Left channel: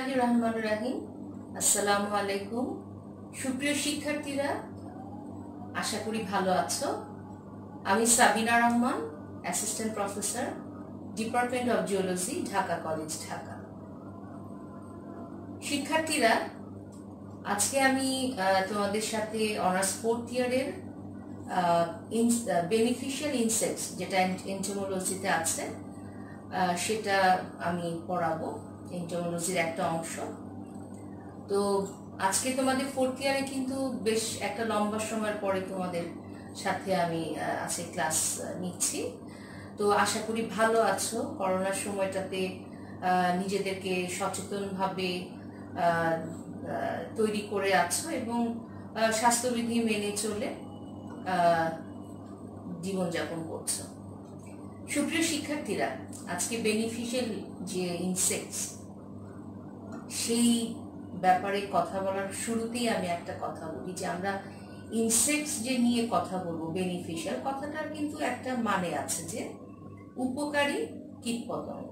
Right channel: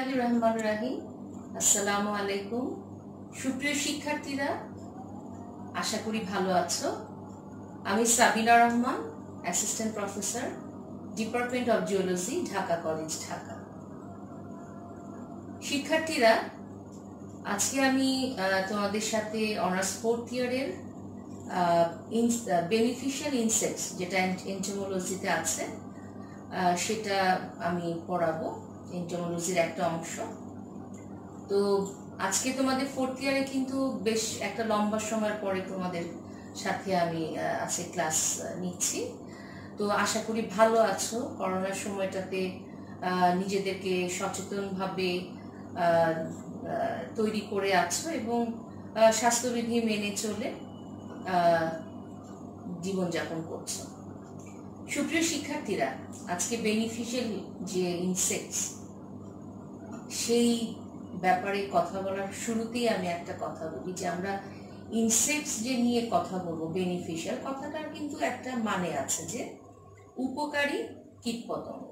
বিসমিল্লাহির রহমানির রহিম। আসসালামু আলাইকুম। সুপ্রিয় শিক্ষার্থীরা, আশা করি ভালো আছো। আমি Sabina Rahman, assistant professor, department of geology, Dhaka college, Dhaka. শিক্ষার্থীরা, আজকে আমি তোমাদের সাথে অনার্স 4th ইয়ারের বেনিফিশিয়াল ইনসেক্টস যেটা এন্টোমোলজিতে আছে সেটা আমি পড়াবো, এন্টোমোলজির একটা অংশ। তো আজকে তোমাদের 4th ইয়ারে কিন্তু বেশ একটা লম্বা সময়ের পরে তোমাদের সাথে আমি আজকে ক্লাস নিচ্ছি। তো আশা করি ভালো আছো। করোনার সময়টাতে নিজেদেরকে সচেতনভাবে তৈরি করে আছো এবং স্বাস্থ্যবিধি মেনে চলে জীবনযাপন করছো। সুপ্রিয় শিক্ষার্থীরা, আজকে বেনিফিশিয়াল যে ইনসেক্টস সেই ব্যাপারে কথা বলার শুরুতেই আমি একটা কথা বলি যে আমরা ইনসেক্টস যে নিয়ে কথা বলবো, বেনিফিশিয়াল কথাটার কিন্তু একটা মানে আছে যে উপকারী কীটপতঙ্গ।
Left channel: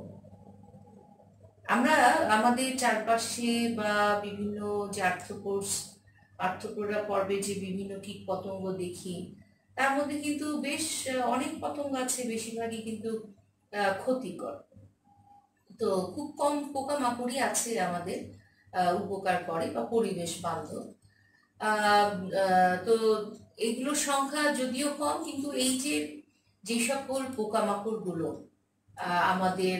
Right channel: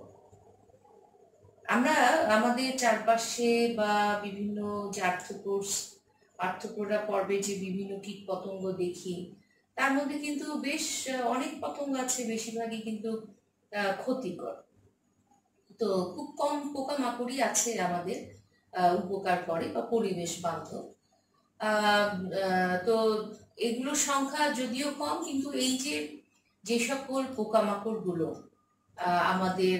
আমরা আমাদের চারপাশে বা বিভিন্ন যে আর্থ্রোপোডা পর্বে যে বিভিন্ন কীটপতঙ্গ দেখি, তার মধ্যে কিন্তু বেশ অনেক পতঙ্গ আছে, বেশিরভাগই কিন্তু ক্ষতিকর। তো খুব কম পোকামাকড়ই আছে আমাদের উপকার করে বা পরিবেশ বান্ধব। তো এগুলোর সংখ্যা যদিও কম, কিন্তু এই যে সকল পোকামাকড়গুলো আমাদের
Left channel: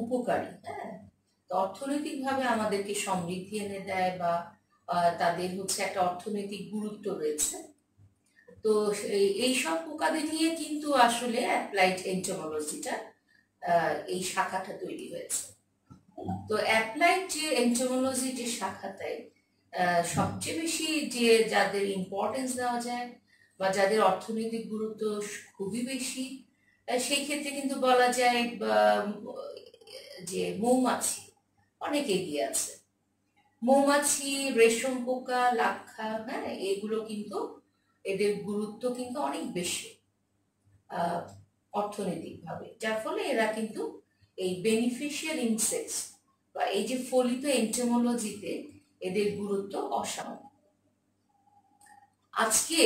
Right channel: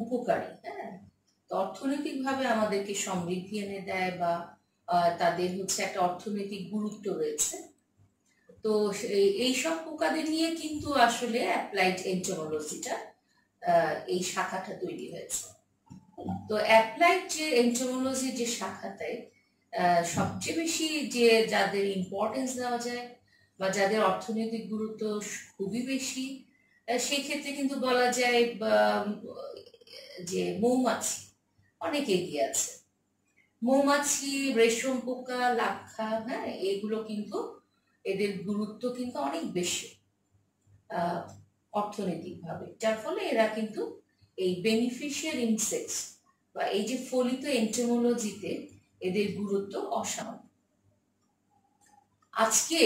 উপকারী, হ্যাঁ, তো অর্থনৈতিকভাবে আমাদেরকে সমৃদ্ধি এনে দেয় বা তাদের হচ্ছে একটা অর্থনৈতিক গুরুত্ব রয়েছে। তো এই সব পোকাদের নিয়ে কিন্তু আসলে অ্যাপ্লাইড এন্টোমোলজিটা এই শাখাটা তৈরি হয়েছে। তো অ্যাপ্লাইড যে এন্টোমোলজি যে শাখাটায় সবচেয়ে বেশি যে যাদের ইম্পর্টেন্স দেওয়া যায় বা যাদের অর্থনৈতিক গুরুত্ব খুবই বেশি, সেই ক্ষেত্রে কিন্তু বলা যায় যে মৌমাছি অনেক এগিয়ে আছে। মৌমাছি, রেশম পোকা, লাক্ষা, হ্যাঁ, এগুলো কিন্তু এদের গুরুত্ব কিন্তু অনেক বেশি অর্থনৈতিকভাবে, যার ফলে এরা কিন্তু এই বেনিফিশিয়াল ইনসেক্টস বা এই যে ফলিত এন্টোমোলজিতে এদের গুরুত্ব অসামান্য। আজকে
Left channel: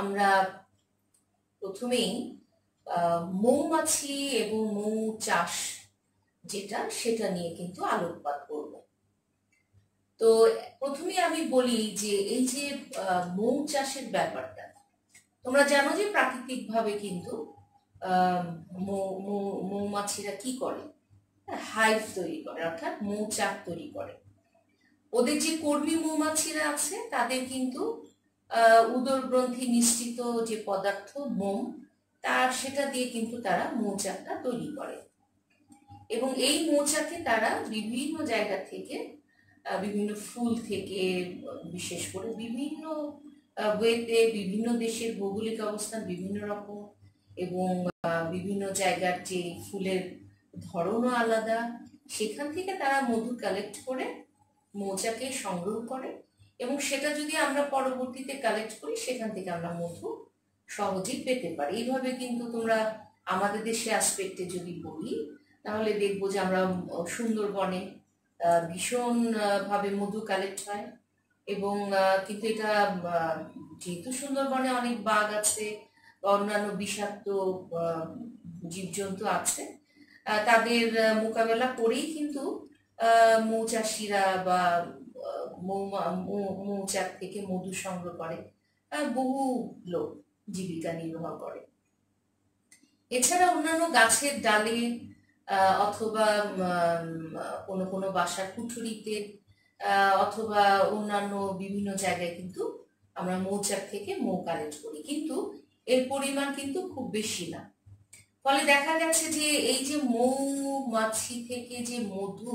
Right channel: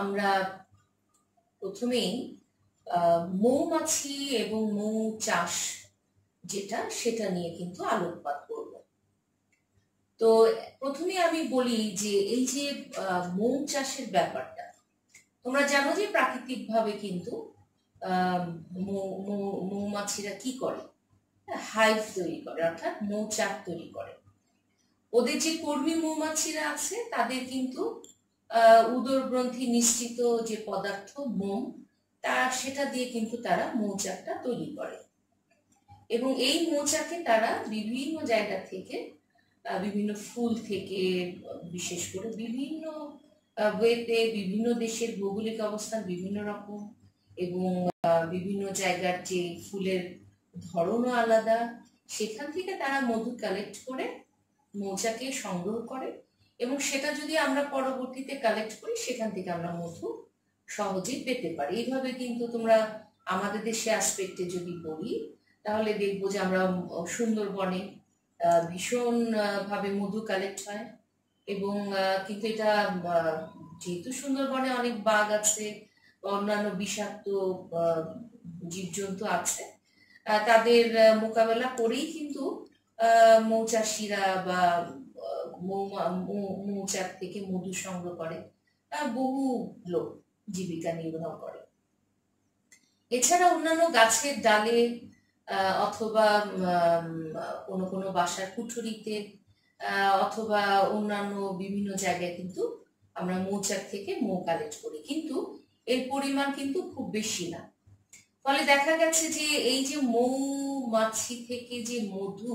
আমরা প্রথমেই মৌমাছি এবং মৌ চাষ সেটা নিয়ে কিন্তু আলোকপাত করব। তো প্রথমে আমি বলি যে এই যে মৌ চাষের ব্যাপারটা, তোমরা জানো যে প্রাকৃতিকভাবে কিন্তু মৌমাছিরা কি করে, হাইভ তৈরি করে, অর্থাৎ মৌচাক তৈরি করে। ওদের যে কর্মী মৌমাছিরা আছে তাদের কিন্তু উদরগ্রন্থি নিঃসৃত যে পদার্থ মোম, সেটা দিয়ে কিন্তু তারা মৌচাকটা তৈরি করে এবং এই মৌচাকে তারা বিভিন্ন জায়গা থেকে, বিভিন্ন ফুল থেকে, বিশেষ করে বিভিন্ন ওয়েতে, বিভিন্ন দেশের ভৌগোলিক অবস্থান বিভিন্ন রকম এবং বিভিন্ন জায়গার যে ফুলের ধরনও আলাদা, সেখান থেকে তারা মধু কালেক্ট করে মৌচাকে সংগ্রহ করে এবং সেটা যদি আমরা পরবর্তীতে কালেক্ট করি, সেখান থেকে আমরা মধু সহজেই পেতে পারি। এইভাবে কিন্তু তোমরা আমাদের দেশে আসপেক্টে যদি পড়ি, তাহলে দেখবো যে আমরা সুন্দরবনে ভীষণ ভাবে মধু কালেক্ট হয় এবং কিন্তু এটা যেহেতু সুন্দরবনে অনেক বাঘ আছে বা অন্যান্য বিষাক্ত জীবজন্তু আছে, তাদের মোকাবেলা করেই কিন্তু মৌচাষীরা বা মৌচাক থেকে মধু সংগ্রহ করে বহু লোক জীবিকা নির্বাহ করে। এছাড়া অন্যান্য গাছের ডালে অথবা কোনো কোনো বাসার কুঠুরিতে অথবা অন্যান্য বিভিন্ন জায়গায় কিন্তু আমরা মৌচাক থেকে মৌ কালেক্ট করি, কিন্তু এর পরিমাণ কিন্তু খুব বেশি না। ফলে দেখা গেছে যে এই যে মৌমাছি থেকে যে মধু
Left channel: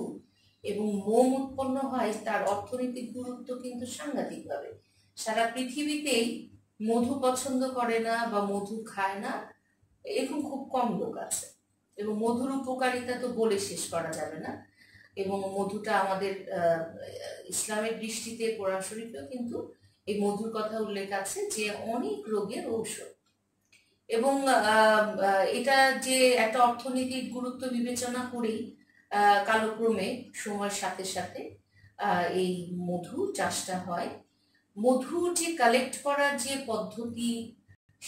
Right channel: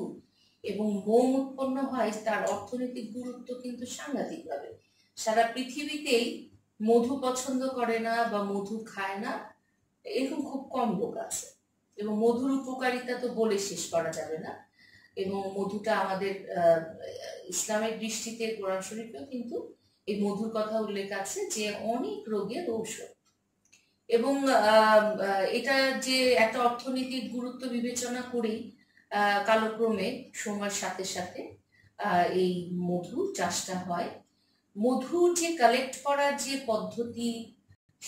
এবং মোম উৎপন্ন হয়, তার অর্থনৈতিক গুরুত্ব কিন্তু সাংঘাতিকভাবে। সারা পৃথিবীতেই মধু পছন্দ করে না বা মধু খায় না এরকম খুব কম লোক আছে এবং মধুর উপকারিতা তো বলে শেষ করা যাবে না। এবং মধুটা আমাদের ইসলামের দৃষ্টিতে, কোরআন শরীফেও কিন্তু এই মধুর কথা উল্লেখ আছে যে অনেক রোগের ঔষধ। এবং এটা যে একটা অর্থনৈতিক গুরুত্ব বিবেচনা করেই কালক্রমে সময়ের সাথে সাথে এই মধু চাষটা হয়। মধু যে কালেক্ট করার যে পদ্ধতি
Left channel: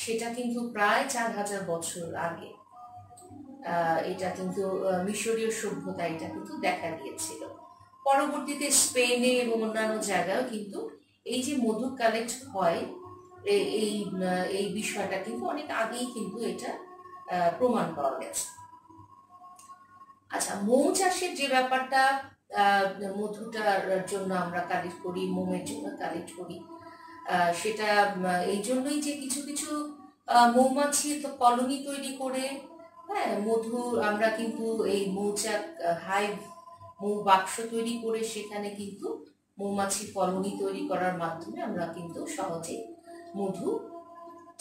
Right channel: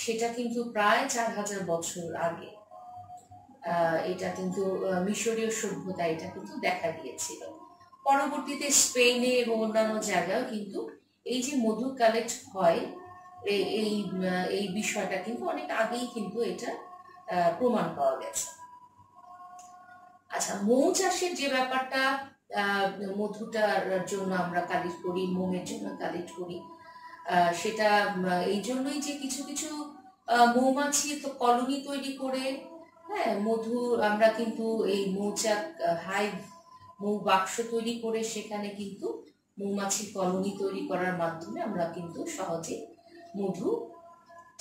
সেটা কিন্তু প্রায় 4000 বছর আগে এটা কিন্তু মিশরীয় সভ্যতা এটা কিন্তু দেখা দিয়েছিল। পরবর্তীতে স্পেনে এবং অন্যান্য জায়গায় কিন্তু এই যে মধু কালেক্ট হয় এই এই বিষয়টা কিন্তু অনেক আগেই কিন্তু এটা প্রমাণ পাওয়া গেছে। আচ্ছা, মৌ চাষের যে ব্যাপারটা, মধুটার জন্য আমরা কালেক্ট করি, মোমের জন্য কালেক্ট করি, সেটা এই জন্যই যে কিছু কিছু মৌমাছি তো কলোনি তৈরি করে, হ্যাঁ, মধু আমরা কিন্তু এই মৌচাক হাইভ মৌ বাক্স তৈরি করে সেখানে কিন্তু মৌমাছি কলোনি তৈরি করার মাধ্যমে আমরা কিন্তু সহজে মধু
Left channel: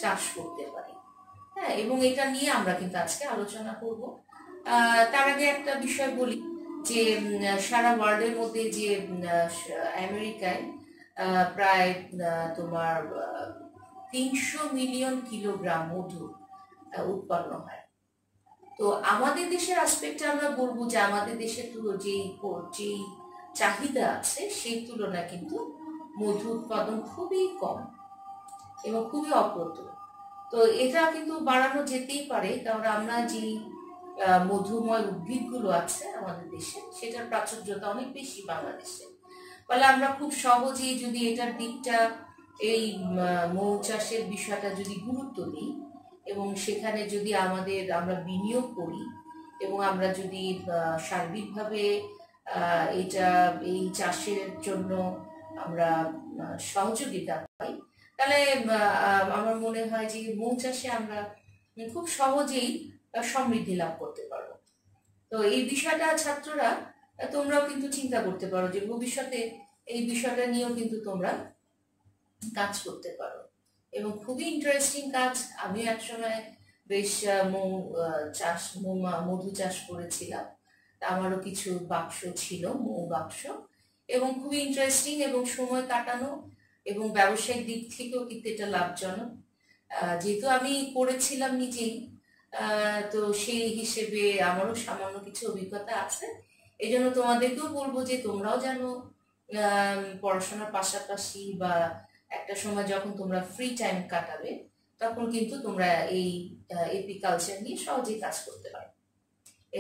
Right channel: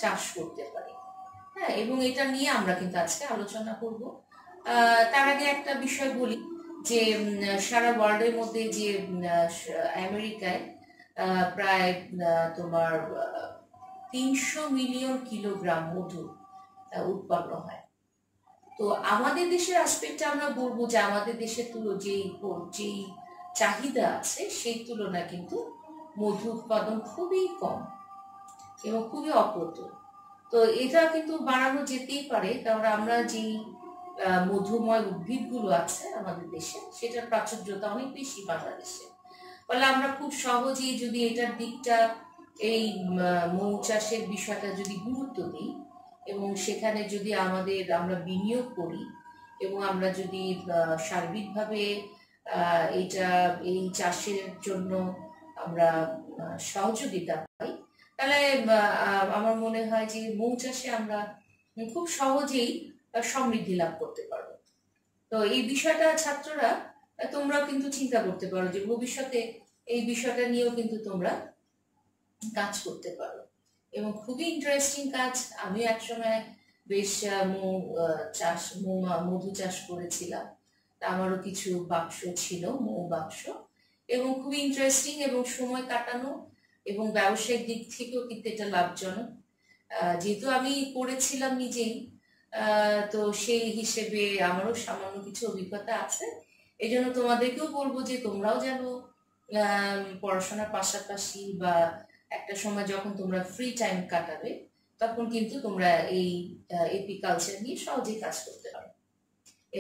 চাষ করতে পারি। হ্যাঁ, এবং এটা নিয়ে আমরা কিন্তু আজকে আলোচনা করব। তার আগে একটা বিষয় বলি যে সারা ওয়ার্ল্ডের মধ্যে যে আমেরিকায় প্রায় তোমার 300 মিলিয়ন কিলোগ্রাম মধু উৎপন্ন হয়। তো আমাদের দেশের আসপেক্টে আমরা বলবো যে আমাদের দেশের যেই চাহিদা আছে সেই তুলনায় কিন্তু মধু উৎপাদন খুবই কম এবং খুবই অপ্রতুল। তো এটা কিন্তু বাড়ানো যেতেই পারে, কারণ আমরা যে মধুময় উদ্ভিদগুলো আছে আমাদের দেশে সেটার প্রাচুর্যতা অনেক বেশি বাংলাদেশে। ফলে আমরা খুব সহজেই যদি এটার দিকটা, এই মৌ চাষের বিষয়টা যদি গুরুত্ব দিই এবং সেখানে যদি আমরা বিনিয়োগ করি এবং আমরা যদি সার্বিকভাবে এই চাষের জন্য আমরা সহযোগিতা পাই, তাহলে আমার মনে হয় যে মৌ চাষে আমরা খুব সহজেই সমৃদ্ধি লাভ করতে পারবো। তো এই বিষয়টা ছাত্ররা তোমরাও কিন্তু চিন্তা করতে পারো যে ভবিষ্যতে এই বিষয়টা নিয়েও কিন্তু তোমরা কাজ করতে পারো এবং খুবই ইন্টারেস্টিং কাজ। আমি একসময় বেশ মধু চাষ করেছিলাম, আমারও কিছু বাক্স ছিল, মৌ বাক্স, এবং খুবই ইন্টারেস্টিং এবং সময় কাটানো এবং ব্যবসায়িক দিক থেকেও কিন্তু এটা লাভজনক। যেহেতু আমি করেছিলাম নিজেই, তো সেই হিসেবে আমারও সামান্য কিছু অভিজ্ঞতা আছে। এই জন্য তোমাদেরকেও বলবো যে তোমরাও যেন পড়াশোনার পাশাপাশি বা একটা সময় যখন তোমরা ফ্রি টাইম কাটাবে তখন কিন্তু তোমরা এই এপিকালচার নিয়ে সহজেই কাজ করতে পারো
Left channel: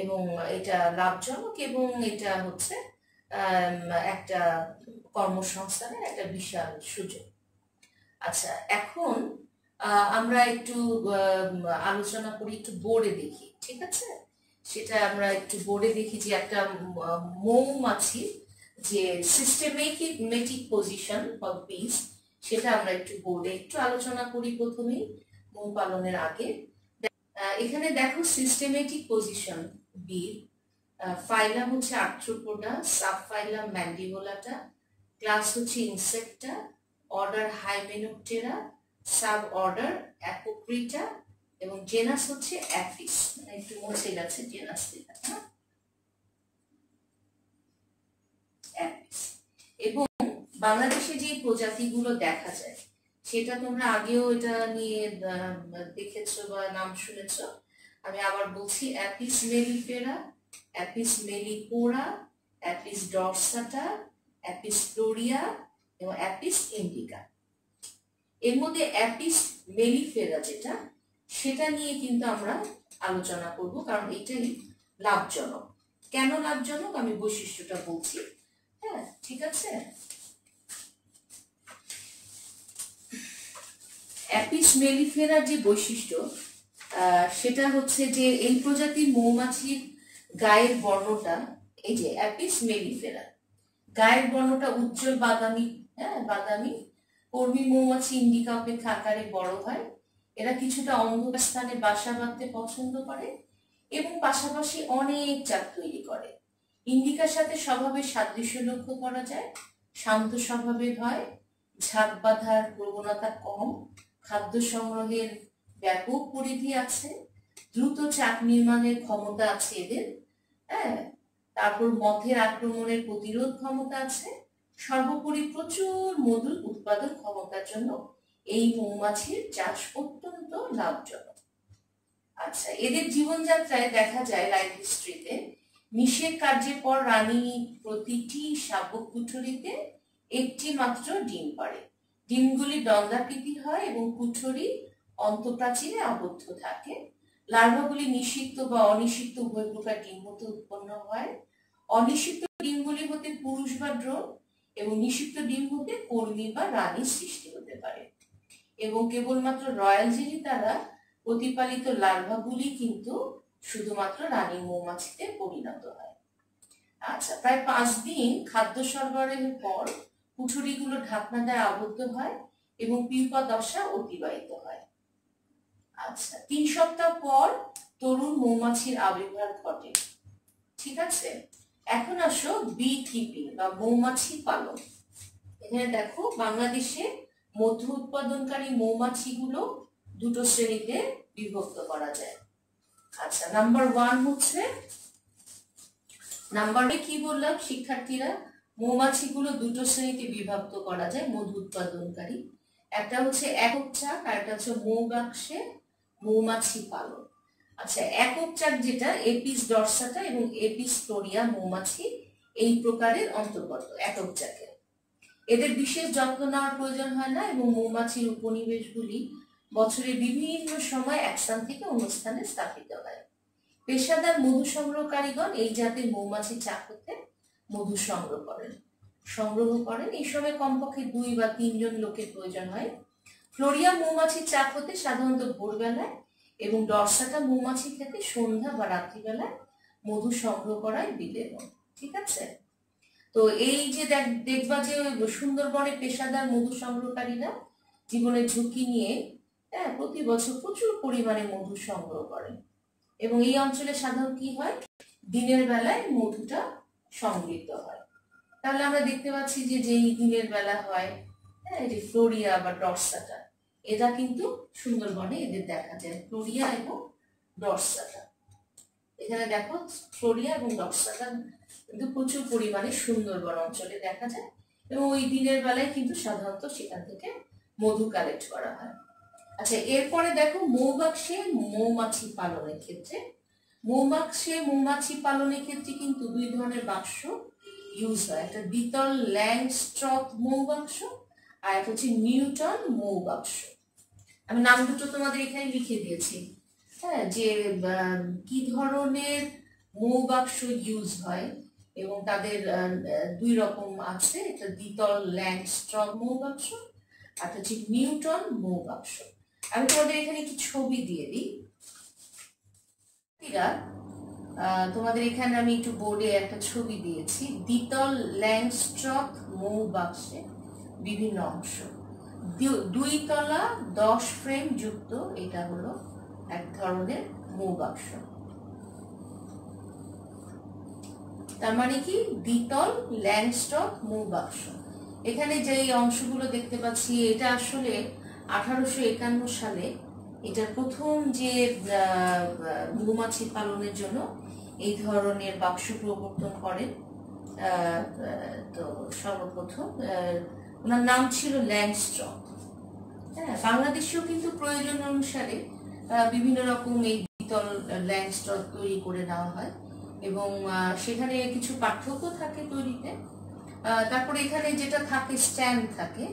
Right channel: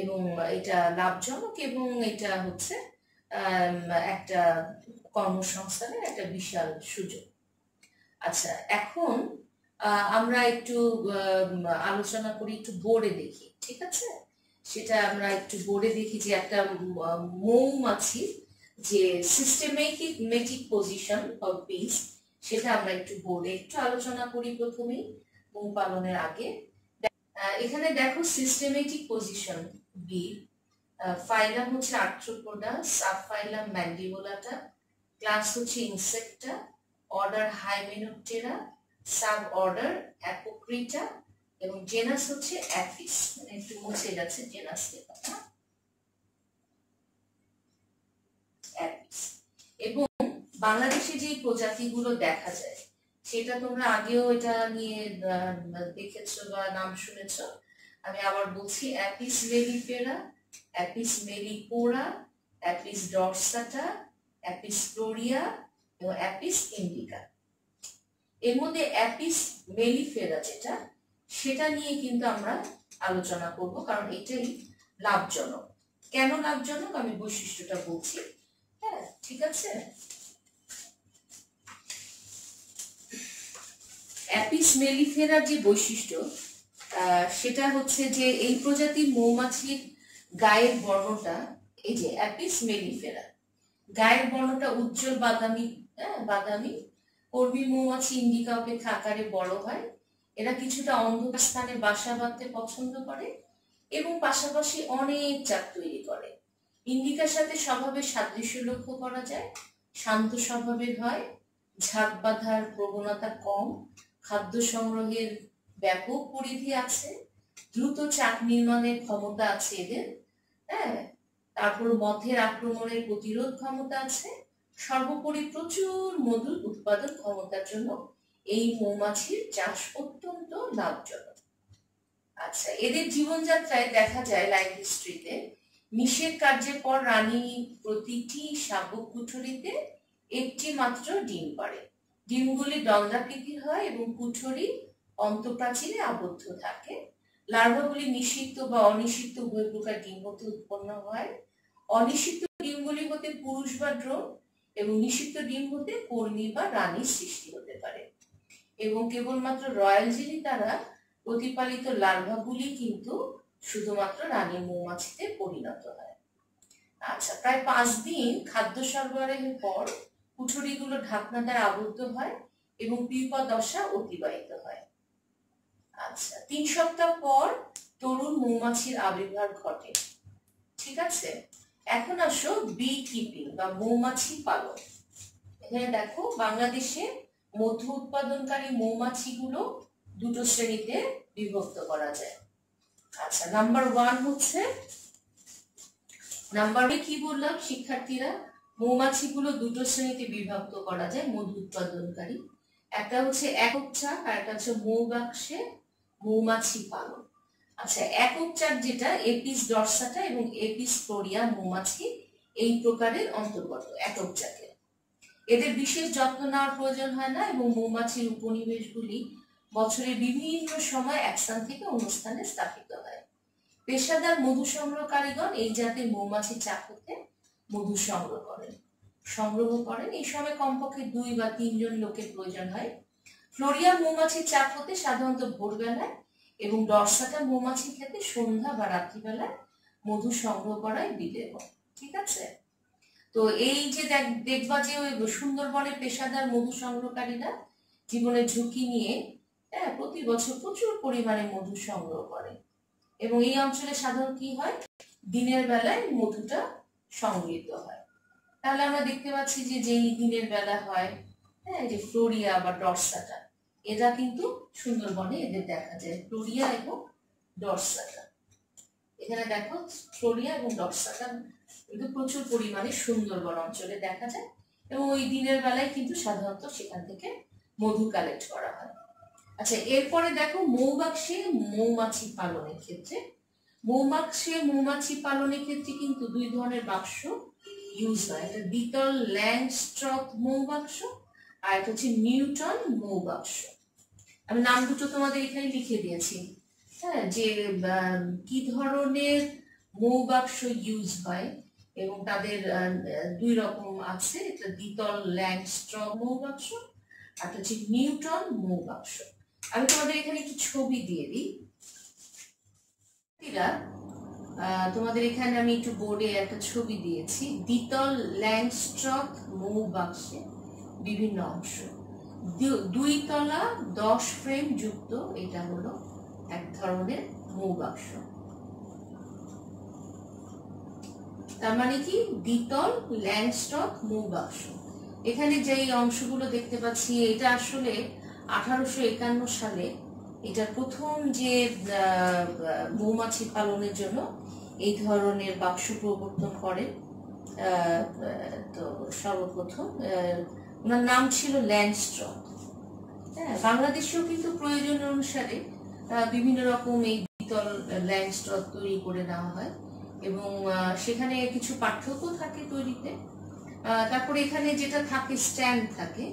এবং এটা লাভজনক এবং এটা হচ্ছে একটা কর্মসংস্থানের একটা বিশাল সুযোগ। আচ্ছা, এখন আমরা একটু আলোচনা করি, একটু বোর্ডে দেখি, ঠিক আছে? সেটা আমরা একটু বোর্ডে দেখি যে একটা মৌমাছি যে সিস্টেমেটিক পজিশন অফ বিস, সেটা আমরা একটু বোর্ডে একটু আলোচনা করি প্রথমেই মৌ পালনের আগে। এখানে দেখো সিস্টেমেটিক পজিশন বির, ফাইলাম হচ্ছে আর্থ্রোপোডা, সাব ফাইলাম ম্যান্ডিবোলাটা, ক্লাস হচ্ছে ইনসেক্টা, অর্ডার হাইমেনোপটেরা, সাব অর্ডার অ্যাপোক্রিটা এবং জেনাস হচ্ছে অ্যাপিস। একটু মুছে যাচ্ছে জেনাস লেখাটা, অ্যাপিস। এবং বাংলাদেশে যে প্রজাতিগুলো দেখা যায় সেটা তোমরা আগেও এটা নিয়ে দেখেছো বা নাম শুনেছো, আমি আবার বলছি, Apis mellifera, Apis melipona, Apis dorsata, Apis florea এবং অ্যাপিস ইন্ডিকা। এর মধ্যে অ্যাপিস মেলিফেরা যেটা, সেটা নিয়ে কিন্তু আমরা আলোচনা করব, কারণ এটাই লাভজনক। কেন লাভজনক আমি বৈশিষ্ট্যটা বলছি, হ্যাঁ, ঠিক আছে? অ্যাপিস মেলিফেরার যে বৈশিষ্ট্য সেটা হচ্ছে যে এই প্রজাতির মৌমাছির গায়ের বর্ণটা, এই যে অ্যাপিস মেলিফেরা, গায়ের বর্ণটা উজ্জ্বল বাদামি, হ্যাঁ, বাদামি। কর্মী মৌমাছি ইন্ডিকা অপেক্ষা আকারে বড় হয়। এরা কিছুটা অন্ধকার স্থানে বাসা বাঁধতে পছন্দ করে এবং পাশাপাশি অনেক চাক তৈরি করে। ইন্ডিকার সাথে স্বভাবের সাদৃশ্য লক্ষ্য করা যায়, শান্ত স্বভাবের হয়, ঝাঁক বাঁধার প্রবণতা কম, খাদ্য সংগ্রহের ব্যাপক পরিধি আছে, দ্রুত চাক নির্মাণের ক্ষমতা আছে এদের, হ্যাঁ, তারপর মথের আক্রমণের প্রতিরোধ ক্ষমতা আছে, সর্বোপরি প্রচুর মধু উৎপাদন ক্ষমতার জন্য এই মৌমাছির চাষ অত্যন্ত লাভজনক। আচ্ছা, এদের জীবনযাত্রায় দেখা যায় লাইফ হিস্ট্রিতে নিষেক কার্যের পর রানী প্রতিটি শাবক কুঠরিতে একটি মাত্র ডিম পাড়ে। ডিমগুলি দণ্ডাকৃতির হয় এবং কুঠরি অন্তঃপ্রাচীরে আবদ্ধ থাকে। লার্ভাগুলি নিষিক্ত বা অনিষিক্ত উভয় প্রকার ডিম হতে উৎপন্ন হয়। অনিষিক্ত ডিমগুলি হতে পুরুষ বা ড্রোন এবং নিষিক্ত ডিম হতে কর্মী বা রানী সৃষ্টি হতে পারে। এবং কেবলমাত্র রয়্যাল জেলি দ্বারা প্রতিপালিত লার্ভাগুলি কিন্তু শুধুমাত্র রানী মৌমাছিতে পরিণত হয়। আচ্ছা, প্রায় 5 দিন খাদ্য সরবরাহের পর কুঠরিগুলো ঢাকনা দ্বারা আবদ্ধ হয় এবং পিউপা দশা অতিবাহিত হয়। আচ্ছা, 3 সপ্তাহ পর তরুণ মৌমাছির আবির্ভাব ঘটে। ঠিক আছে, এখন আসো বি কিপিং বা মৌমাছি পালন। এখানে দেখো বাংলাদেশে মধু উৎপাদনকারী মৌমাছিগুলো দুটো শ্রেণীতে বিভক্ত করা যায়। আচ্ছা, নাম্বার 1 হচ্ছে, নাম্বারে কি বললাম শিক্ষার্থীরা, মৌমাছিগুলো দুটো শ্রেণীতে বিভক্ত করা যায় মধু উৎপাদনকারী। একটা হচ্ছে একক চাক আর একটা হচ্ছে মৌবাক্সে মৌমাছি পালন। আচ্ছা, একক চাক যেটা এপিস ডরসাটা এবং এপিস ফ্লোরিয়া মৌমাছি এই প্রকারের অন্তর্গত একক চাকের। এদের বিশেষ যত্ন নেওয়ার প্রয়োজন হয় না এবং মৌমাছির উপনিবেশগুলি বছরের বিভিন্ন সময় এক স্থান থেকে অন্য স্থানে স্থাপিত হয়। পেশাদার মধু সংগ্রহকারীগণ এই জাতের মৌমাছি চাক হতে মধু সংগ্রহ করেন। এই সময় কমপক্ষে 2 বা 3 জন লোকের প্রয়োজন হয়। ফ্লোরিয়া মৌমাছি চাক হতে সাধারণত ভোরবেলায় এবং ডরসাটা মৌমাছি থেকে সন্ধ্যা বা রাত্রিবেলায় মধু সংগ্রহ করাই বিলেবন। ঠিক আছে, তো এই যে দেখবা যে সুন্দরবনে পেশাদার মধু সংগ্রহকারীরা জীবনের ঝুঁকি নিয়ে প্রতি বছর প্রচুর পরিমাণে মধু সংগ্রহ করে এবং এই অঞ্চলে সাধারণত কি হয়, দিনের বেলায় মধুটা সংগৃহীত হয়। তাহলে আমরা দেখতে পাচ্ছি যে যেই দিনের বেলা হয়, যে ফ্লোরিয়া বা ডরসাটা, এরা কিন্তু সুন্দরবনে এদের দেখা যায়, ফ্লোরিয়া এবং ডরসাটা। এখানে দেখো ফ্লোরিয়া এবং ডরসাটা কিন্তু প্রচুর পরিমাণে সুন্দরবন অঞ্চলে দেখা যায় এবং ওই দিনের বেলায় কিন্তু সাধারণত সেখান থেকে মধু কালেক্ট করা হয়। আচ্ছা, এরপরে দেখো মৌবাক্সে মৌমাছি পালনের ক্ষেত্রে, মৌমাছি পালনের ক্ষেত্রে কিন্তু 2 ধরনের বাক্স ইউজ হয়। একটা দ্বিতল ল্যাংস্ট্রথ মৌবাক্স আর একটা হচ্ছে নিউটন মৌবাক্স। আমি নাম দুটো তোমাদের এখানে লিখে দিয়েছি, যে কি ধরনের মৌবাক্স ইউজ হয় এবং তাদের 2 রকম আছে। এটা দ্বিতল ল্যাংস্ট্রথ মৌবাক্স আর হচ্ছে নিউটন মৌবাক্স। আমি তোমাদের এখানে একটু ছবি দিয়ে দিই। তোমাদের এখানে আমি একটু বোর্ডে একটা ছবি দিয়েছি। দ্বিতল ল্যাংস্ট্রথ মৌবাক্সে বিভিন্ন অংশ, 2 তলা 10 ফ্রেম যুক্ত, এটা হলো এক ধরনের মৌবাক্স। তার মানে কি, দ্বিতল ল্যাংস্ট্রথ মৌবাক্স। এখানে যে অংশগুলো দেখতে পাচ্ছি, এটা আসলে 1851 সালে এটার প্রথম যে মৌমাছি পালনের জন্য এই ধরনের বাক্স প্রবর্তন করেন। তো সর্বপ্রথম ওনার নাম ছিল ল্যাংস্ট্রথ। বাংলাদেশেও কিন্তু প্রয়োজন অনুসারে বিভিন্ন রকম এই দ্বিতল ল্যাংস্ট্রথ তৈরি করে নেওয়া হয় এবং সেখানে কিছু পার্থক্য থাকে তৈরিতে। তারপরে এখানে যেটা থাকে, স্ট্যান্ড থাকে,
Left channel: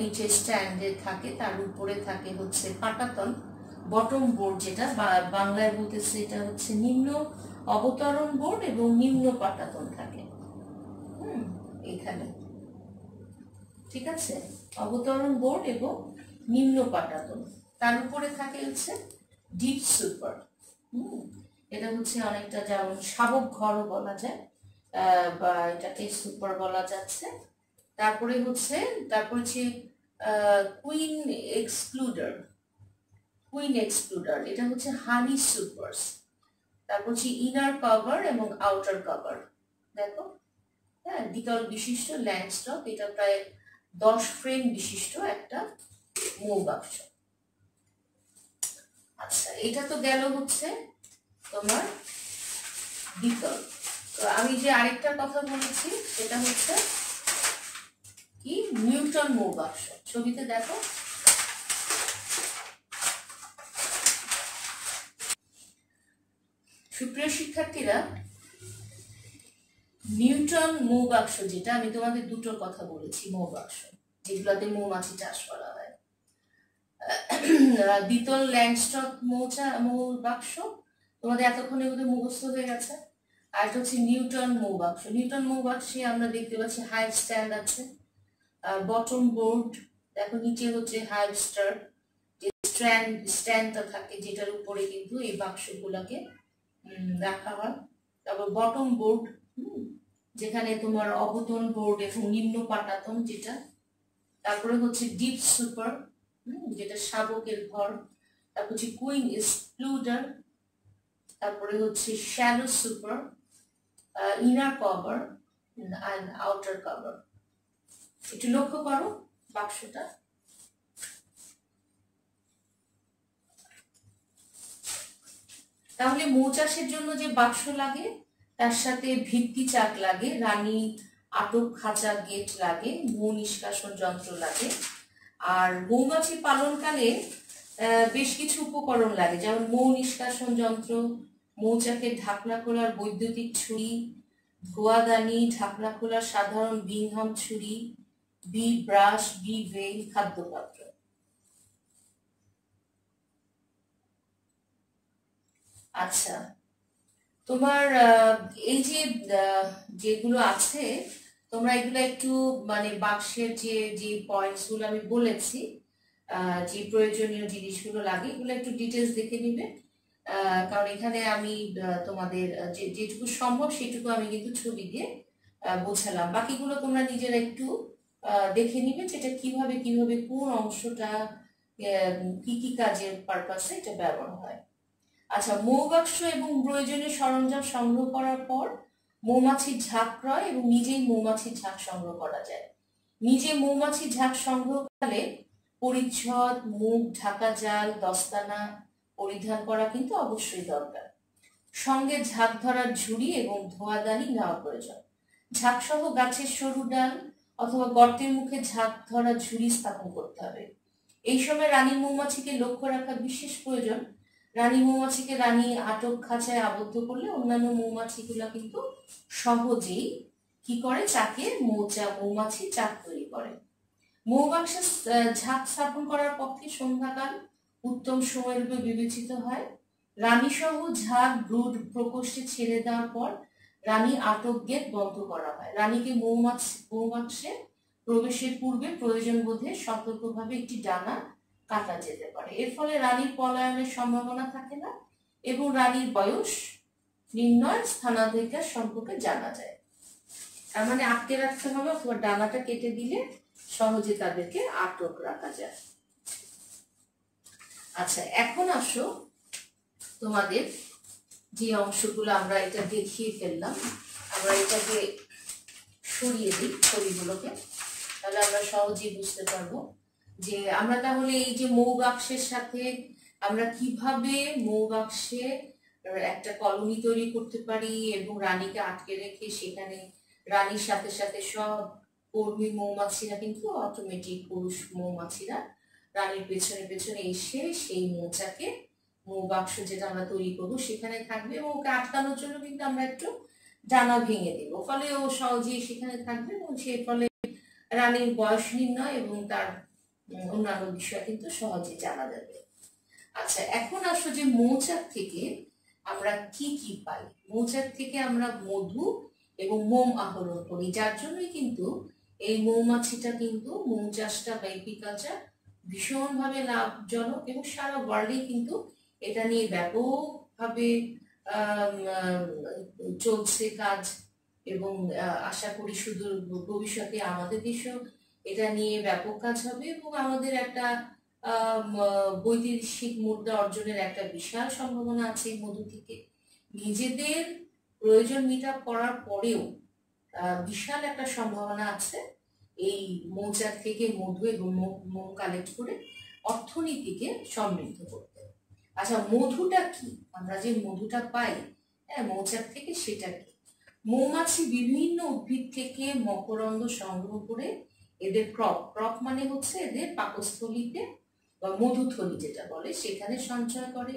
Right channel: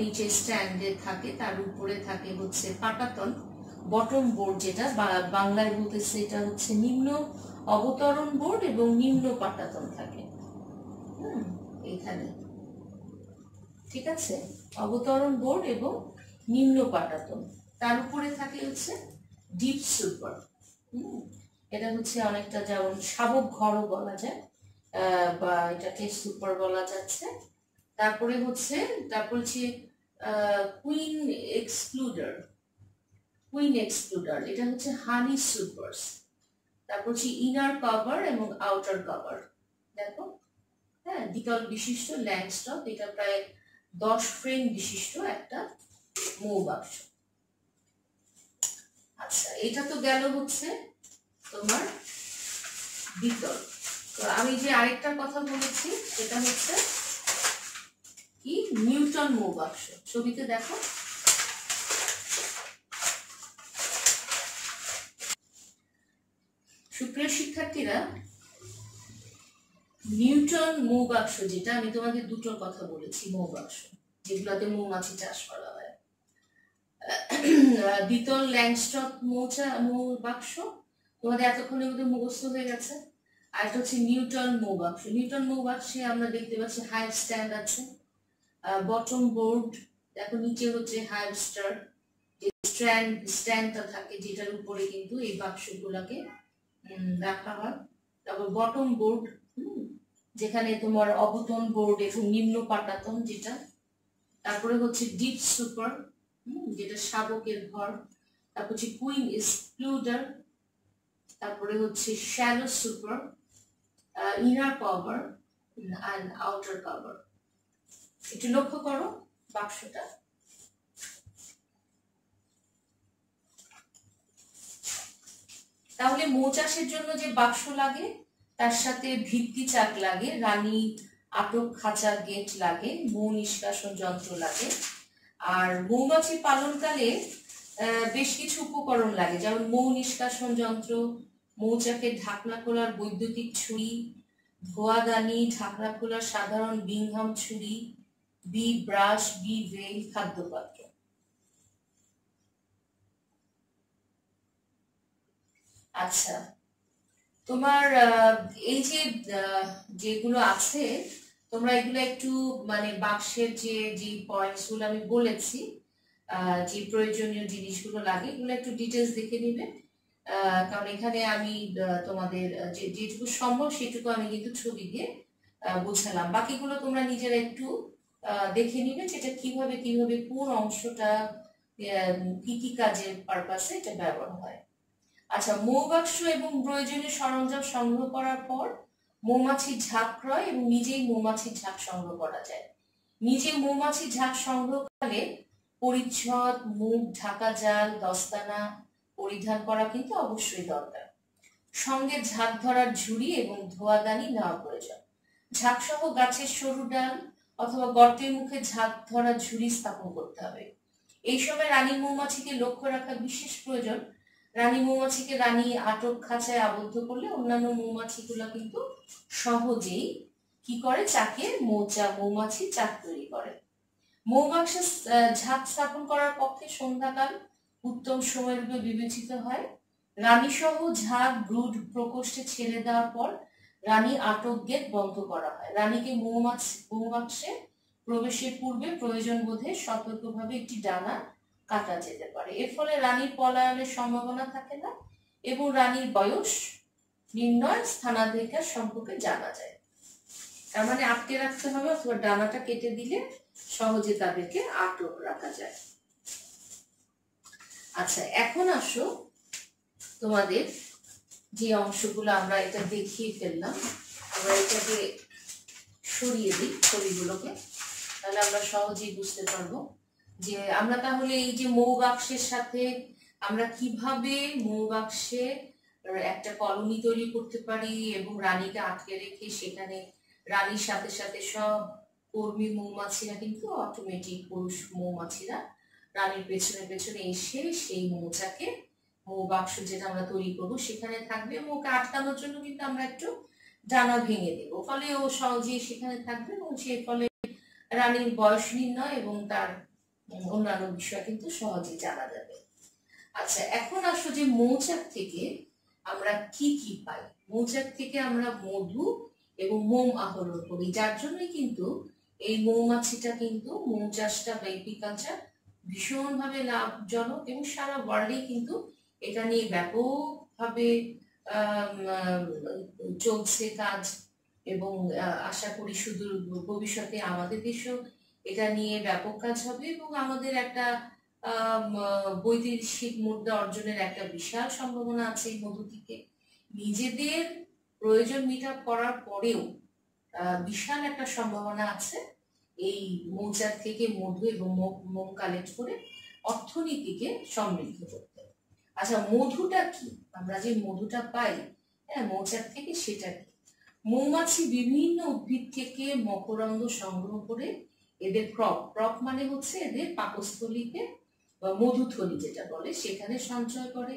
নিচে স্ট্যান্ডে থাকে, তার উপরে থাকে হচ্ছে পাটাতন, বটম বোর্ড, যেটা বাংলায় বলতেছে এটা হচ্ছে নিম্ন অবতরণ বোর্ড এবং নিম্ন পাটাতন থাকে এখানে। ঠিক আছে, অবতরণ বোর্ড এবং নিম্ন পাটাতন, তার উপরে থাকে হচ্ছে ডিপ সুপার। এটা হচ্ছে অনেকটা যেমন শাবক ঘরও বলা যায় বা এটাকে সুপার বলা যাচ্ছে। তারপরে হচ্ছে কুইন এক্সক্লুডার, এটা হচ্ছে হানি সুপারস। তারপর হচ্ছে ইনার কভার এবং আউটার কভার। দেখো, দ্বিতল বিশিষ্ট ল্যাংস্ট্রথ, এটা প্রায় 10 ফ্রেম বিশিষ্ট একটা মৌবাক্স। আচ্ছা, এটা তো গেল হচ্ছে তোমার দ্বিতল। তো আমি যে আরেকটার কথা বলেছি সেটা হচ্ছে কি, নিউটন মৌবাক্স। ছবিতে দেখো, সুপ্রিয় শিক্ষার্থীরা, নিউটন মৌবাক্স, যেটা আমি তোমাদের দুটো কথা বলেছি, মৌবাক্স যেগুলোতে মৌমাছি চাষ করা হয়, বিটল ল্যাংস্টক মৌবাক্স তোমাদের এতক্ষণে বোধহয় মুখস্থ হয়ে গেছে। আর এটা হচ্ছে নিউটন মৌবাক্স। নিউটন মৌবাক্সে আমরা দেখতে পাচ্ছি হাইভ স্ট্যান্ড আছে, বটম বোর্ড, দেখো নিচে হচ্ছে হাইভ স্টার, যে স্ট্যান্ডটা থাকে যেটার উপরে কিন্তু এই বাক্সগুলোকে রাখা হয়। তারপর বটম বোর্ড, যেখানে তোমার অবতন বোর্ড এবং নিম্ন পাটাতন যেটা। তারপরে হচ্ছে ডিপ সুপার, যেটা শাবকের ঘর। তারপর হচ্ছে কুইন এক্সক্লুডার। তারপরে হচ্ছে shallow super, inner cover and outer cover. একটু লক্ষ্য করো বাক্সটা। তাহলে মৌ চাষের জন্য যে বাক্স লাগে তার সাথে ভিত্তি চাক লাগে, রানী আটক খাঁচা গেট লাগে, মৌ নিষ্কাশন যন্ত্র লাগে। আর মৌমাছি পালনকালে বেশ কিছু উপকরণ লাগে, যেমন মৌ নিষ্কাশন যন্ত্র, মৌচাকের ঢাকনা খোলার বৈদ্যুতিক ছুরি, ধোয়াদানি, ঢাকনা খোলার সাধারণ বিংহাম ছুরি, বি ব্রাশ, বি ভেল, খাদ্যপাত্র। আচ্ছা, তোমার এই যে যেগুলো আছে, তোমরা এগুলো একটু মানে বাক্সের যে পয়েন্টস গুলো আমি বলেছি, যে প্রয়োজনীয় জিনিসগুলো লাগে, এগুলো একটু ডিটেলস দেখে নিবে। কারণ এখানে আমি তোমাদের যেটুকু সম্ভব সেটুকু আমি কিন্তু ছবি দিয়ে বোঝালাম। বাকিগুলো তোমরা নিজেরা একটু দেখে নিবে, যেটা কিভাবে কিভাবে কোন অংশটা কি কি কাজের পারপাসে এটা ব্যবহার হয়। আচ্ছা, মৌবাক্স এবং প্রয়োজনীয় সরঞ্জাম সংগ্রহ করার পর মৌমাছির ঝাঁক ক্রয় এবং নিজেই মৌমাছির ঝাঁক সংগ্রহ করা যায়। নিজে মৌমাছির ঝাঁক সংগ্রহকালে পরিচ্ছদ, মুখ ঢাকা জাল, দস্তানা পরিধান করা কিন্তু অবশ্যই দরকার। সঙ্গে ঝাঁক ধরার ঝুড়ি এবং ধোয়াদানি নেওয়া প্রয়োজন। ঝাঁক সহ গাছের সরু ডাল অথবা গর্তের মুখে ঝাঁক ধরার ঝুড়ি স্থাপন করতে হবে। এই সময় রানী মৌমাছিকে লক্ষ্য রাখা বিশেষ প্রয়োজন। রানী মৌমাছিকে রানী আটক খাঁচায় আবদ্ধ করলে অন্যান্য মৌমাছিগুলা কিন্তু সহজেই কি করে, চাকে মৌমাছি চাক তৈরি করে। মৌবাক্সে ঝাঁক স্থাপন করার পক্ষে সন্ধ্যাকাল উত্তম সময়রূপে বিবেচিত হয়। রানী সহ ঝাঁক ব্রুড প্রকোষ্ঠে ছেড়ে দেওয়ার পর রানী আটক গেট বন্ধ করা হয়। রানীকে মৌবাক্সে প্রবেশের পূর্বে প্রয়োজন বোধে সতর্কভাবে একটি ডানা কাটা যেতে পারে। এর ফলে রানীর পলায়নের সম্ভাবনা থাকে না এবং রানীর বয়স নির্ণয় স্থানাধিকার সম্পর্কে জানা যায়। তার মানে আটকে রাখতে হবে, অথবা ডানাটা কেটে দিলে সহজে তাদেরকে আটক রাখা যায়। আচ্ছা, এখন আসো তোমাদের যে অংশগুলো আমরা এটা দেখিয়ে ফেললাম, আমরা এটাকে সরিয়ে দিই ছবিগুলোকে, তাহলে আমরা সহজেই বুঝতে পারবো যে আমরা তাহলে এই যে মৌবাক্সের সাথে আমরা কিভাবে মৌবাক্সে একটা কলোনি তৈরি করতে পারি এবং রানীকে আটকে রেখে সেখানে রানীর সাথে সাথে সব কর্মী মৌমাছিরা কিন্তু অটোমেটিক পুরুষ মৌমাছিরা রানীর পেছনে পেছনে এসে সেই মৌচাকে মৌবাক্স যেটা আমরা তৈরি করবো সেখানে থাকবে, এবং ওকে আটকানোর জন্য কিন্তু আমরা একটু ডানা ভেঙে দেবো, ফলে ও সহজেই সেখানে থাকবে এবং সেই ফলে রানীর বয়স নির্ণয় এবং তার অন্যান্য বিষয় কিন্তু সহজে জানা যাবে। আচ্ছা, এখন আসো যে মৌচাক থেকে আমরা কি কি পাই। মৌচাক থেকে আমরা মধু এবং মোম আহরণ করি, যার জন্যই কিন্তু এই মৌমাছিটা কিন্তু মৌচাষটা বা এপিকালচার ভীষণভাবে লাভজনক এবং সারা ওয়ার্ল্ডে কিন্তু এটা নিয়ে ব্যাপকভাবে চলছে কাজ, এবং আশা করি সুদূর ভবিষ্যতে আমাদের দেশেও এটা নিয়ে ব্যাপক কাজ হবে এবং আমাদের একটা বৈদেশিক মুদ্রা অর্জনের একটা বিশাল সম্ভাবনা আছে এই মধু থেকে। নিজেদের প্রয়োজন মিট আপ করার পরেও বিশাল একটা সম্ভাবনা আছে এই মৌচাক থেকে মধু এবং মোম কালেক্ট করে অর্থনীতিকে সমৃদ্ধ করতে। আচ্ছা, মধুটা কি? আমরা যে মধুটা পাই মৌচাক থেকে, সেটা কি? মৌমাছি বিভিন্ন উদ্ভিদ থেকে মকরন্দ সংগ্রহ করে এদের ক্রপ মানে হচ্ছে এদের পাকস্থলীতে বা মধুথলি যেটা বলে সেখানে সঞ্চয় করে,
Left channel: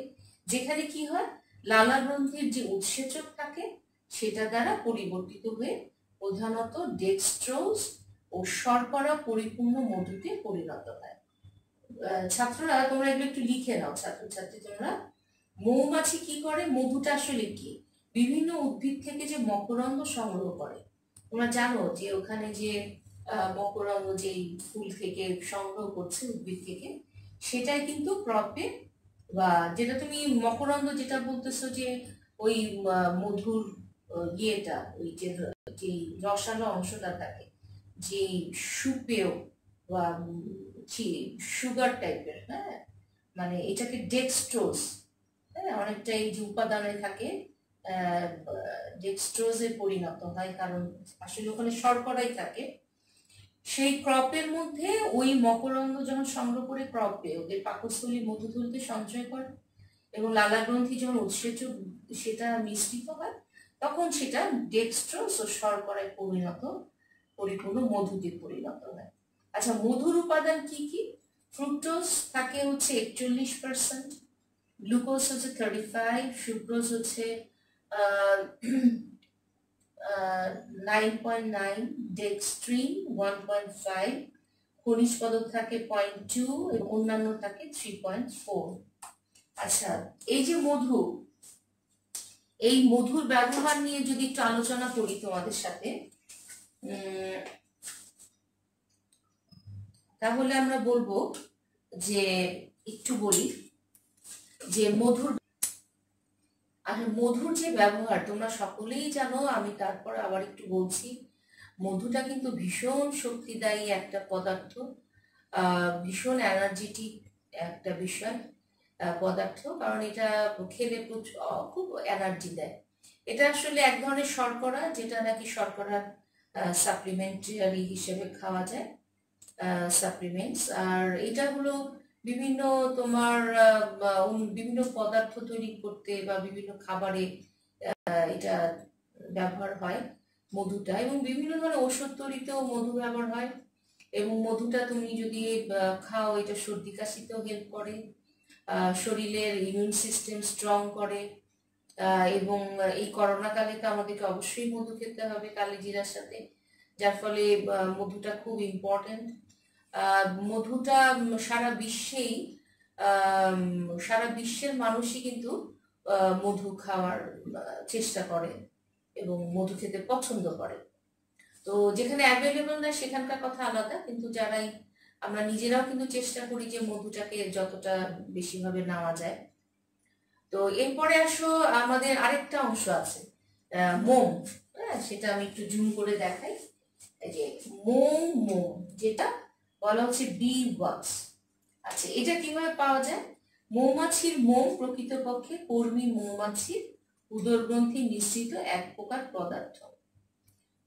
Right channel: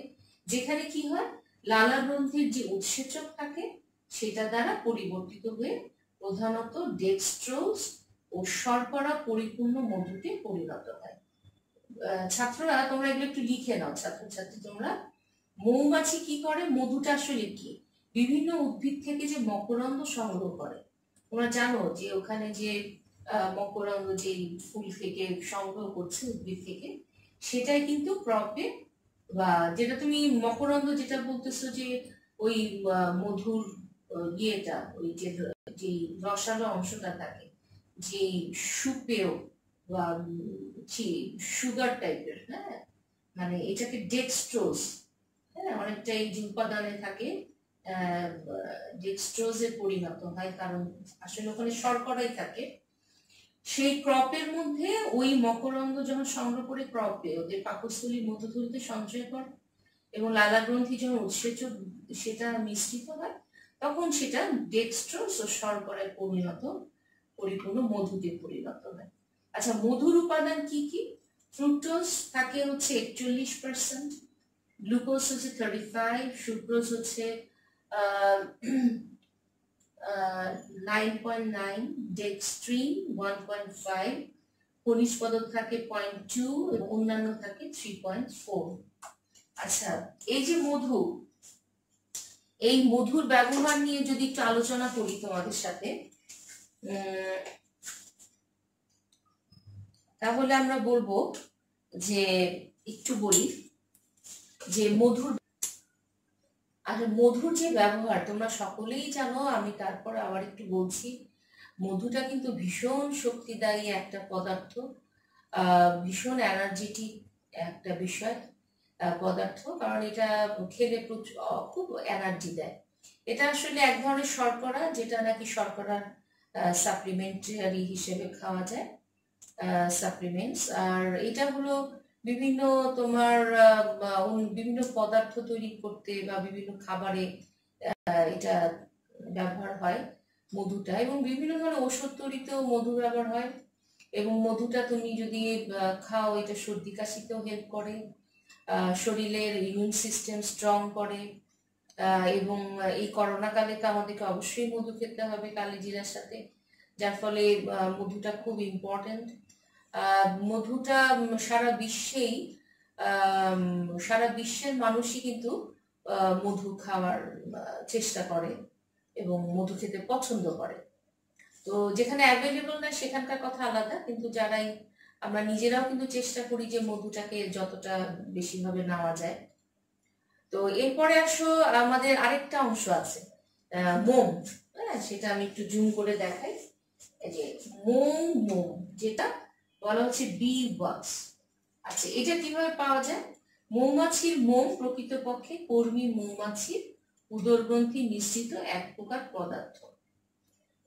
যেখানে কি হয় লালা গ্রন্থির যে উৎসেচক থাকে সেটা দ্বারা পরিবর্তিত হয়ে প্রধানত ডেক্সট্রোজ ও শর্করা পরিপূর্ণ মধুতে পরিণত হয়। ছাত্ররা তোমরা এগুলো একটু লিখে নাও, ছাত্রছাত্রী তোমরা। মৌমাছি কি করে, মধুটা আসলে কি, বিভিন্ন উদ্ভিদ থেকে যে মকরন্দ সংগ্রহ করে। তোমরা জানো যে ওখানে যে মকরন্দ যেই ফুল থেকে সংগ্রহ করছে উদ্ভিদ থেকে, সেটাই কিন্তু ক্রপে, বা যেটা তুমি মকরন্দ যেটা বলতেছো যে ওই মধুর ইয়েটা, ওই যে রসালো অংশটা থাকে, যে সুপেয় বা সুগার টাইপের, হ্যাঁ, মানে এটাকে ডেক্সট্রোজ, হ্যাঁ, অনেকটাই যে উপাদানে থাকে ডেক্সট্রোজে পরিণত হয়, কারণ আসলে ওখানে শর্করাই থাকে। সেই ক্রপের মধ্যে ওই মকরন্দ যখন সংগ্রহ করে ক্রপে ওদের পাকস্থলী মধুথলিতে সঞ্চয় করে, এবং লালা গ্রন্থি যখন উৎসেচক সেটা মিশ্রিত হয়, তখন সেটা ডেক্সট্রোজ ও শর্করায় পরিপূর্ণ মধুতে পরিণত হয়। আচ্ছা, মধুর উপাদান কি কি? ফ্রুক্টোজ থাকে হচ্ছে 41%, গ্লুকোজ হচ্ছে 35, সুক্রোজ হচ্ছে 9.9, ডেক্সট্রিন 1.5, খনিজ পদার্থ থাকে 0.2 এবং অন্যান্য থাকে 3.4। আচ্ছা, এই যে মধু, এই মধুর ব্যবহার নিয়ে যদি একটু আলোচনা করি তোমাদের সাথে, তাহলে আমরা বলবো যে একটু বলি যে মধুর যে ব্যবহার তোমরা সকলেই জানো, আমি তারপর আবার একটু বলছি। মধুটা কিন্তু ভীষণ শক্তিদায়ী একটা পদার্থ, ভীষণ এনার্জেটিক একটা বিষয় পদার্থ, কারণ এটা খেলে খুব এনার্জি দেয়। এটা আসলে এক ধরনের শর্করা, যেটা নাকি শর্করা সাপ্লিমেন্টারি হিসেবে খাওয়া যায়, সাপ্লিমেন্টস। আর এটা হলো বিভিন্ন তোমার বিভিন্ন পদার্থ তৈরি করতে বা বিভিন্ন খাবারে এটা ব্যবহার হয় মধুটা, এবং বিভিন্ন ধরনের ওষুধ তৈরিতেও মধু ব্যবহার হয়। এবং মধুটা তুমি যদি খাও, এটা সর্দি কাশিতেও হেল্প করে, শরীরের ইমিউন সিস্টেম স্ট্রং করে, এবং এই করোনা কালে তো আমাদেরকে অবশ্যই মধু খেতে হবে কালিজিরার সাথে, যার ফলে মধুটা খুব ইম্পর্টেন্ট। মধুটা সারা বিশ্বের মানুষই কিন্তু মধু খাওয়ার চেষ্টা করে এবং মধু খেতে পছন্দ করে। তো যেখানে অ্যাভেলেবল না সেখানকার কথা আলাদা, কিন্তু যারাই আমরা নিজেরাও কিন্তু চেষ্টা করি যে মধুটাকে যতটা বেশিভাবে নেওয়া যায়। তো এরপরে আসো, আমাদের আরেকটা অংশ আছে মোম, হ্যাঁ, সেটা আমি একটু জুম করে দেখাই। এই যে মোম যেটা বলা হচ্ছে বি ওয়াক্স। আচ্ছা, এটা কিভাবে পাওয়া যায়? মৌমাছির মোম প্রকৃতপক্ষে কর্মী মৌমাছির উদরগ্রন্থি নিঃসৃত এক প্রকার পদার্থ।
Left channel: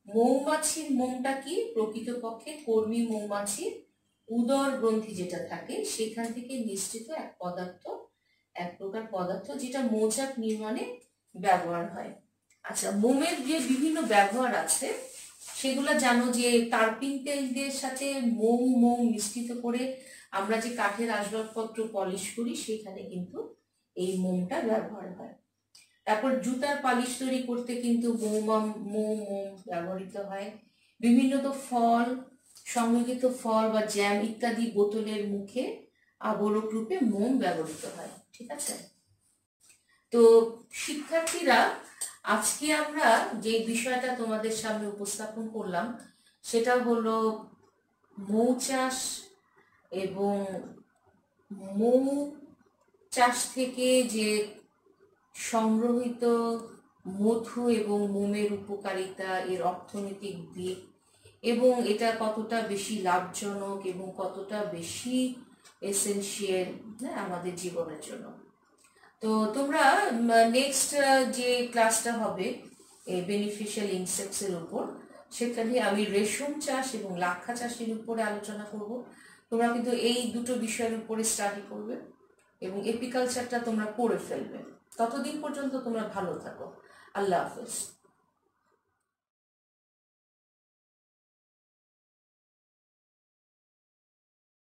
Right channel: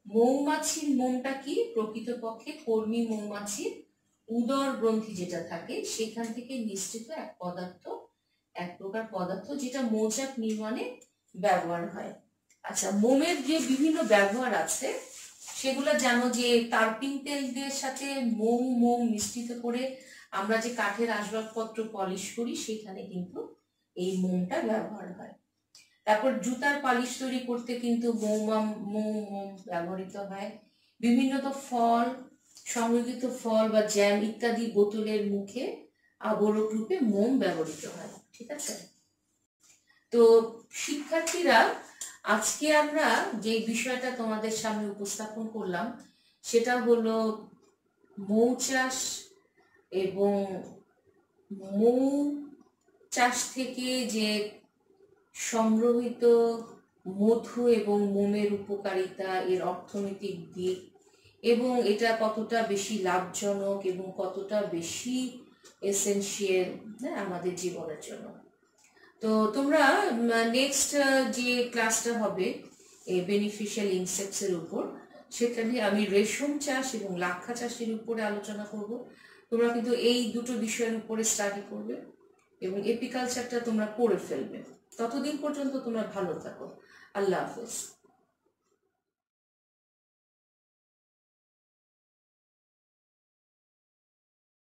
মৌমাছির মোমটা কি? প্রকৃতপক্ষে কর্মী মৌমাছির উদর গ্রন্থি যেটা থাকে সেখান থেকে নিঃসৃত এক প্রকার পদার্থ, যেটা মৌচাক নির্মাণে ব্যবহার হয়। আচ্ছা, মোমের যে বিভিন্ন ব্যবহার আছে সেগুলো জানো, যে তারপিন তেলদের সাথে মোম মিশ্রিত করে আমরা যে কাঠের আসবাবপত্র পলিশ করি, সেখানে কিন্তু এই মোমটা ব্যবহার হয়। তারপর জুতার পালিশ তৈরি করতে কিন্তু মোম ব্যবহৃত হয়। বিভিন্ন তো সংরক্ষিত ফল বা জ্যাম ইত্যাদি বোতলের মুখে আবরক রূপে মোম ব্যবহৃত হয়। ঠিক আছে? তো শিক্ষার্থীরা, আজকে আমরা যে বিষয়টা তোমাদের সামনে উপস্থাপন করলাম সেটা হলো মৌ চাষ এবং মৌ চাষ থেকে যে সংগ্রহিত মধু এবং মোমের উপকারিতা, এর অর্থনৈতিক দিক, এবং এটা কতটা বেশি লাভজনক এবং কতটা বেশি এসেনশিয়াল আমাদের জীবনের জন্য। তো তোমরা নেক্সট যে ক্লাসটা হবে বেনিফিশিয়াল ইনসেক্টস এর উপর, সেখানে আমি রেশম চাষ এবং লাক্ষা চাষের উপরে আলোচনা করব। তোমরা কিন্তু এই দুটো বিষয়ের উপরে স্টাডি করবে এবং এপিকালচারটা তোমরা করে ফেলবে। ততদিন পর্যন্ত তোমরা ভালো থাকো। আল্লাহ হাফেজ।